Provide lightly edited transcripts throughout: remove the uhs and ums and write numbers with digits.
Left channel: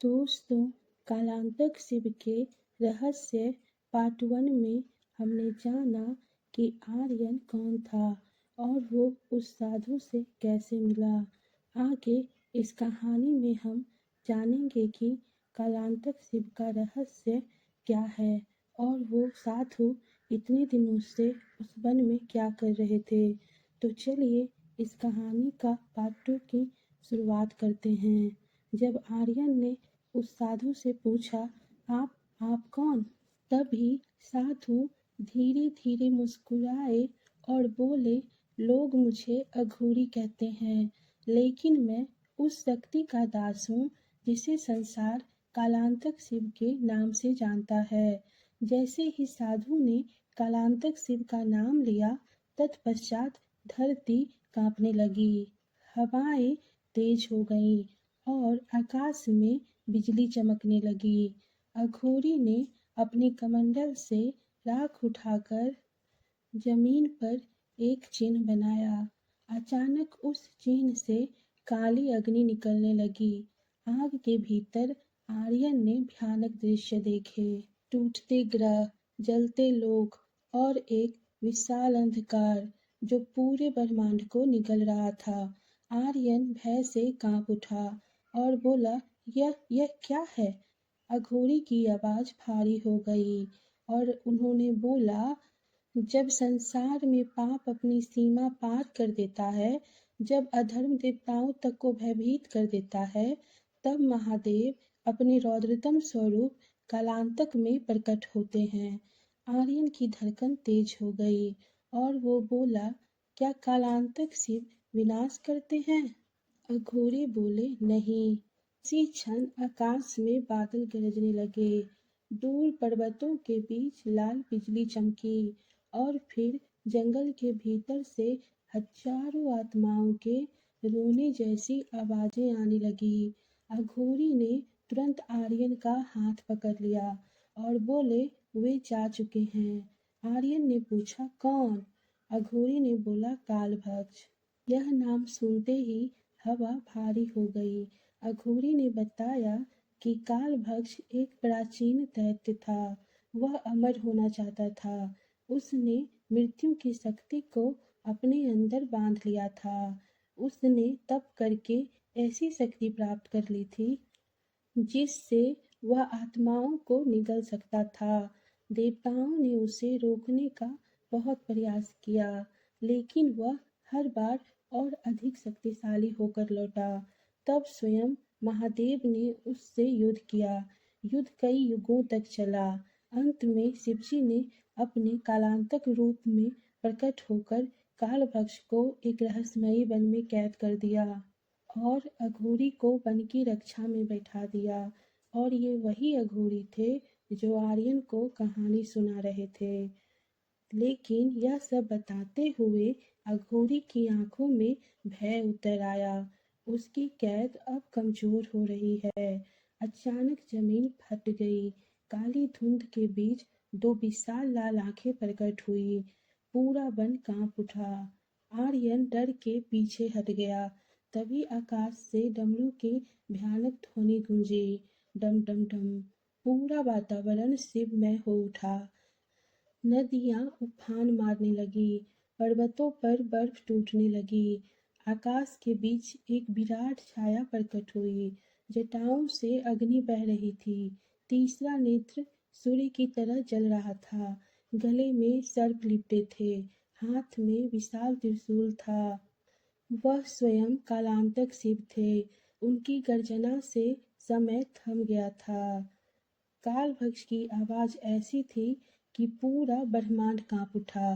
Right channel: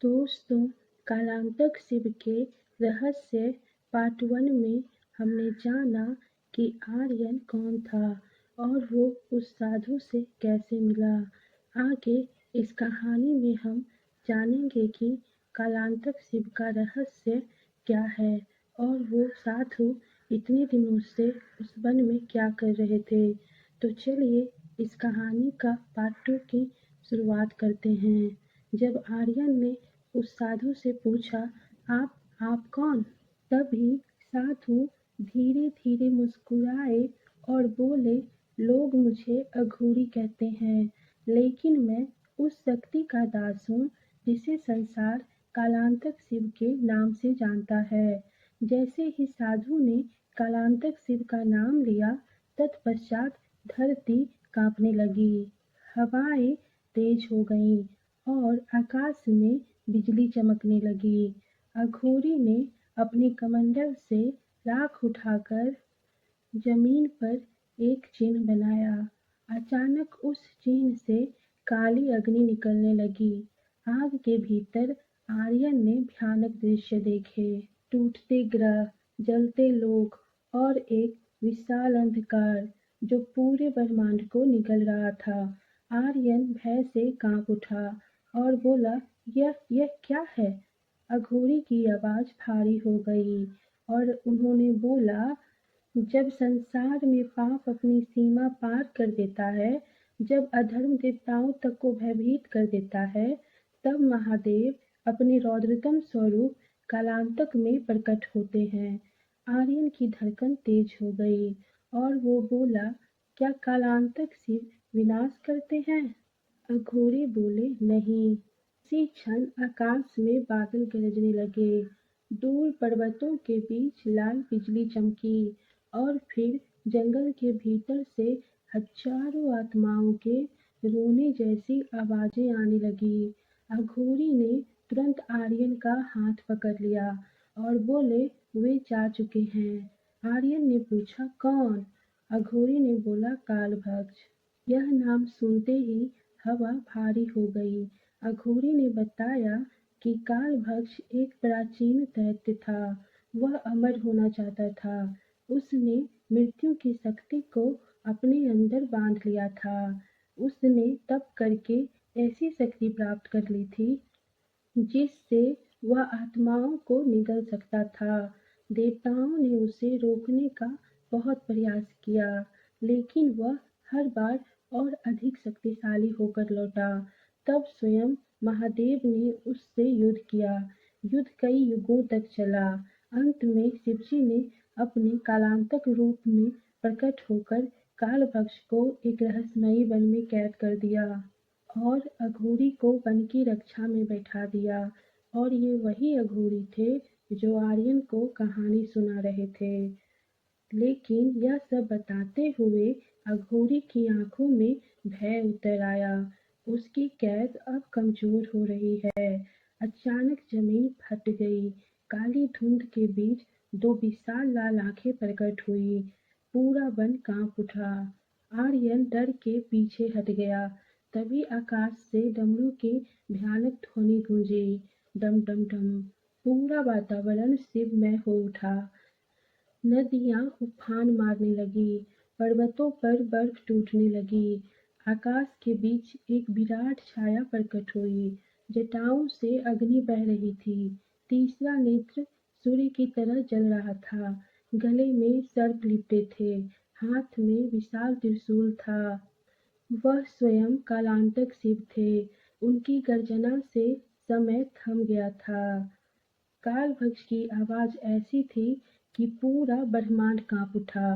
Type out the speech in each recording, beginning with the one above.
दोस्तों, कालांतक शिव के रहस्य पार्ट 1 में हमने जाना कि आर्यन कौन था और वो उस साधु से कैसे मिला। आगे इस कहानी में हम जानेंगे कि कालांतक शिव का रहस्य क्या है और वो साधु इतने दिनों से उस वन में क्या कर रहे थे। तो चलिए इस कहानी का पार्ट 2 की शुरुआत करते हैं। जब आर्यन ने उस साधु से पूछा, आप कौन? तभी साधु धीरे धीरे मुस्कुराए और बोले, लोग मुझे अघोरी कहते हैं, लेकिन मैं उस शक्ति का दास हूँ जिसे संसार कालांतक शिव के नाम से जानता है। जैसे ही साधु ने कालांतक शिव का नाम लिया, तत्पश्चात धरती कांपने लगी, हवाएं तेज हो गईं और आकाश में बिजली चमकने लगी। अघोरी ने अपने कमंडल से राख उठाकर जमीन पर एक चिन्ह बनाया। अचानक उस चिन्ह से काली अग्नि निकलने लगी। आग के भीतर आर्यन ने भयानक दृश्य देखे। टूटते ग्रह, जलते लोक और एक विशाल अंधकार जो पूरे ब्रह्मांड को निगल रहा था। आर्यन भय से कांप उठा और बोला, यह क्या है? अघोरी की आवाज भारी हो गई और उन्होंने बोला, जब संसार में पाप अपनी सीमा पार कर देता है, जब अधर्म देवताओं तक को भयभीत कर देता है, तब महादेव अपने रौद्रतम स्वरूप कालांतक में प्रकट होते हैं। आर्यन की धड़कन तेज हो गई और वो बोला, क्या कालांतक शिव विनाश करते हैं? अघोरी बोले, नहीं। उसी क्षण आकाश में बादल गरजने लगे, दूर पर्वतों के बीच लाल बिजली चमकी और फिर जंगल के भीतर से हजारों आत्माओं के रोने जैसी आवाजें आने लगी। अघोरी ने तुरंत आर्यन का हाथ पकड़ लिया और बोले, वे जा चुके हैं। आर्यन ने पूछा, कौन? अघोरी ने बोला, कालभक्ष। यह नाम सुनते ही हवा भारी हो गई। अघोरी ने बताया कि कालभक्ष एक प्राचीन दैत्य था। वह अमर होना चाहता था। उसने मृत्यु की शक्ति को अपने अंदर बांध लिया था। उसने तप करके ऐसी शक्ति प्राप्त कर ली थी जिससे वह आत्माओं को निगल सकता था। देवताओं ने उसे रोकने का बहुत प्रयास किया, लेकिन वह हर बार और अधिक शक्तिशाली होकर लौटा। तब स्वयं महादेव ने उससे युद्ध किया। युद्ध कई युगों तक चला। अंत में शिवजी ने अपने कालांतक रूप में प्रकट होकर कालभक्ष को एक रहस्यमयी वन में कैद कर दिया और अघोरी को वन की रक्षा में बैठा दिया। और ये वही अघोरी थे जो आर्यन को कहानी सुना रहे थे। लेकिन यह सब बताते हुए अघोरी की आंखों में भय उतर आया। उसकी कैद अब कमजोर हो रही है। अचानक जमीन फट गई। काली धुंध के बीच दो विशाल लाल आंखें प्रकट हुई। पूरा वन कांप उठा। आर्यन डर के पीछे हट गया। तभी आकाश से डमरू की भयानक ध्वनि गूंजी, डम डम डम। पूरा वातावरण शिवमय हो उठा। नदियां उफान मारने लगी, पर्वतों पर बर्फ टूटने लगी। आकाश के बीच एक विराट छाया प्रकट हुई। जटाओं से अग्नि बह रही थी। तीसरा नेत्र सूर्य की तरह जल रहा था। गले में सर्प लिपटे थे। हाथ में विशाल त्रिशूल था। वह स्वयं कालांतक शिव थे। उनकी गर्जना से समय थम गया था। कालभक्ष की आवाज ऐसी थी कि पूरा ब्रह्मांड कांप उठा।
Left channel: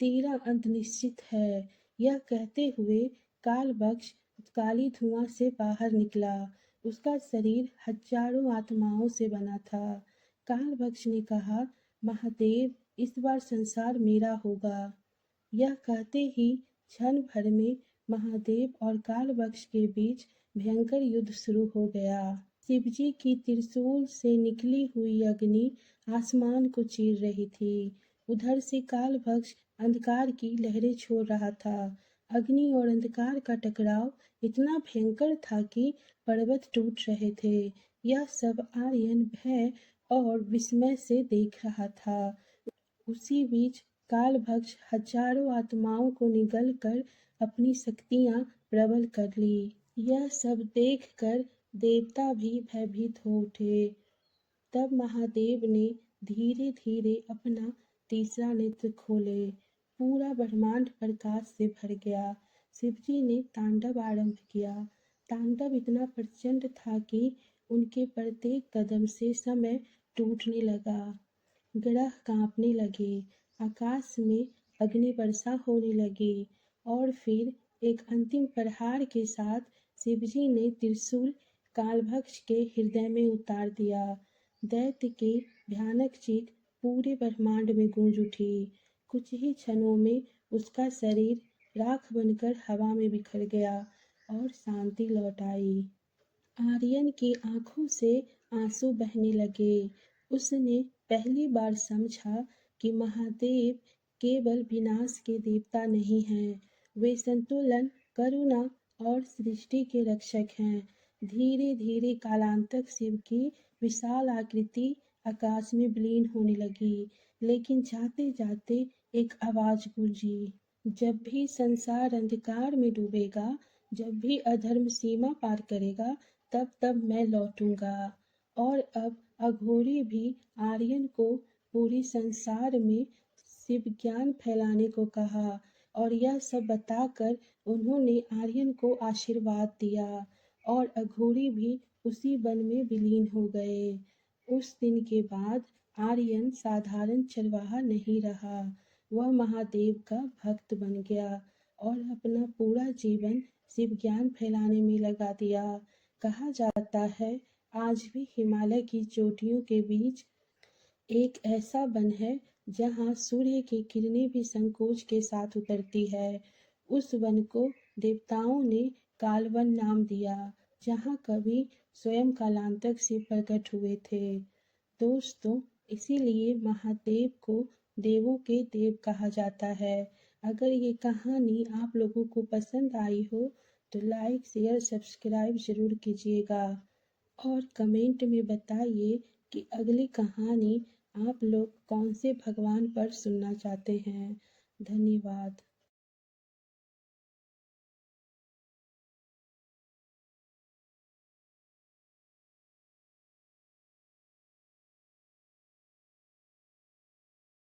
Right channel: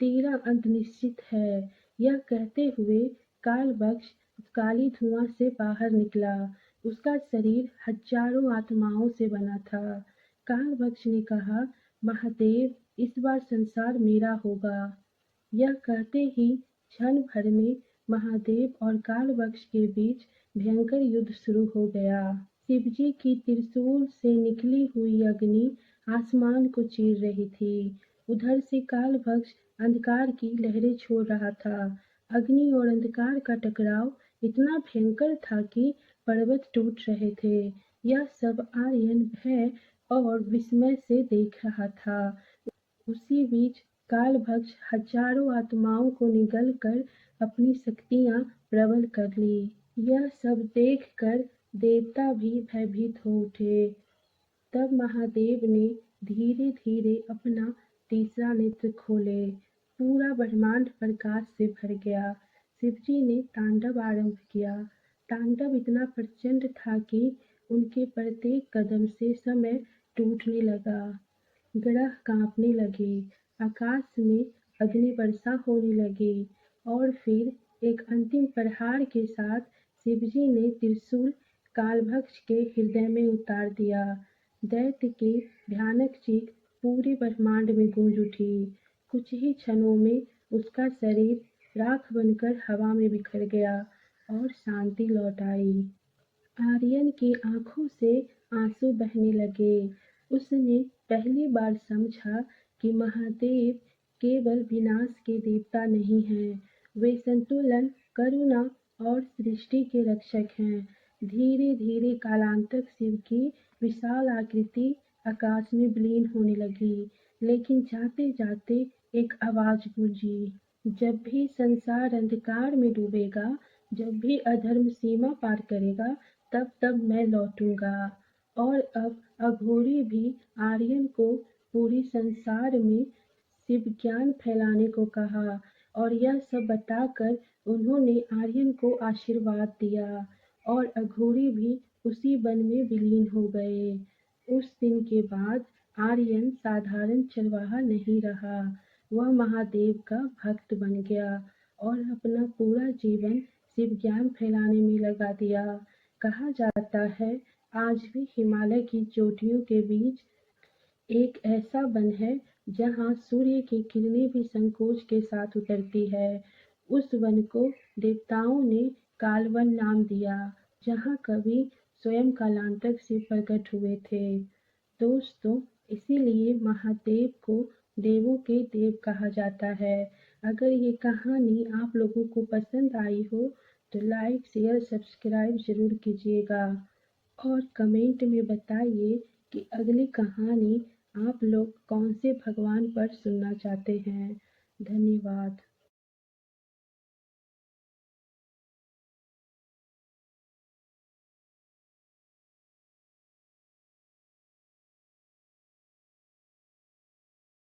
तेरा अंत निश्चित है। यह कहते हुए कालभक्ष काली धुआं से बाहर निकला। उसका शरीर हजारों आत्माओं से बना था। कालभक्ष ने कहा, महादेव, इस बार संसार मेरा होगा। यह कहते ही क्षण भर में महादेव और कालभक्ष के बीच भयंकर युद्ध शुरू हो गया। शिवजी की त्रिशूल से निकली हुई अग्नि आसमान को चीर रही थी। उधर से कालभक्ष अंधकार की लहरें छोड़ रहा था। अग्नि और अंधकार का टकराव इतना भयंकर था कि पर्वत टूट रहे थे। यह सब आर्यन भय और विस्मय से देख रहा था। उसी बीच कालभक्ष हजारों आत्माओं को निगल कर अपनी शक्तियां प्रबल कर ली। यह सब देखकर देवता भी भयभीत हो उठे। तब महादेव ने धीरे धीरे अपना तीसरा नेत्र खोले। पूरा ब्रह्मांड प्रकाश से भर गया। शिवजी ने तांडव आरंभ किया। तांडव इतना प्रचंड था कि उनके प्रत्येक कदम से समय टूटने लगा। ग्रह कांपने लगे, आकाश में अग्नि वर्षा होने लगी और फिर एक अंतिम प्रहार के साथ शिवजी ने त्रिशूल कालभक्ष के हृदय में उतार दिया। दैत्य की भयानक चीख पूरे ब्रह्मांड में गूंज उठी। कुछ ही क्षणों में उसका शरीर राख बनकर हवा में बिखर गया और शांति लौट आई। आर्यन की आंखों से आंसू बहने लगे। उसने पहली बार समझा कि महादेव केवल विनाश के देवता नहीं हैं, वे संतुलन, करुणा और सृष्टि के रक्षक हैं। धीरे धीरे कालांतक शिव की विशाल आकृति आकाश में विलीन होने लगी। लेकिन जाते जाते एक आवाज गूंजी, जब भी संसार अंधकार में डूबेगा, जब भी अधर्म सीमा पार करेगा, तब तब मैं लौटूंगा। और अब अघोरी भी आर्यन को पूरी संसार में शिव ज्ञान फैलाने को कहा और यह सब बताकर उन्होंने आर्यन को आशीर्वाद दिया और अघोरी भी उसी वन में विलीन हो गए। उस दिन के बाद आर्यन साधारण चरवाहा नहीं रहा, वह महादेव का भक्त बन गया और अपना पूरा जीवन शिव ज्ञान फैलाने में लगा दिया। कहा जाता है आज भी हिमालय की चोटियों के बीच एक ऐसा वन है जहाँ सूर्य की किरणें भी संकोच के साथ उतरती है। उस वन को देवताओं ने कालवन नाम दिया, जहाँ कभी स्वयं कालांतक शिव प्रकट हुए थे। दोस्तों, इसीलिए महादेव को देवों के देव कहा जाता है। अगर ये कहानी आप लोगों को पसंद आई हो तो लाइक, शेयर, सब्सक्राइब ज़रूर कीजिएगा और कमेंट में बताइए कि अगली कहानी आप लोग कौन से भगवान पर सुनना चाहते हैं। धन्यवाद।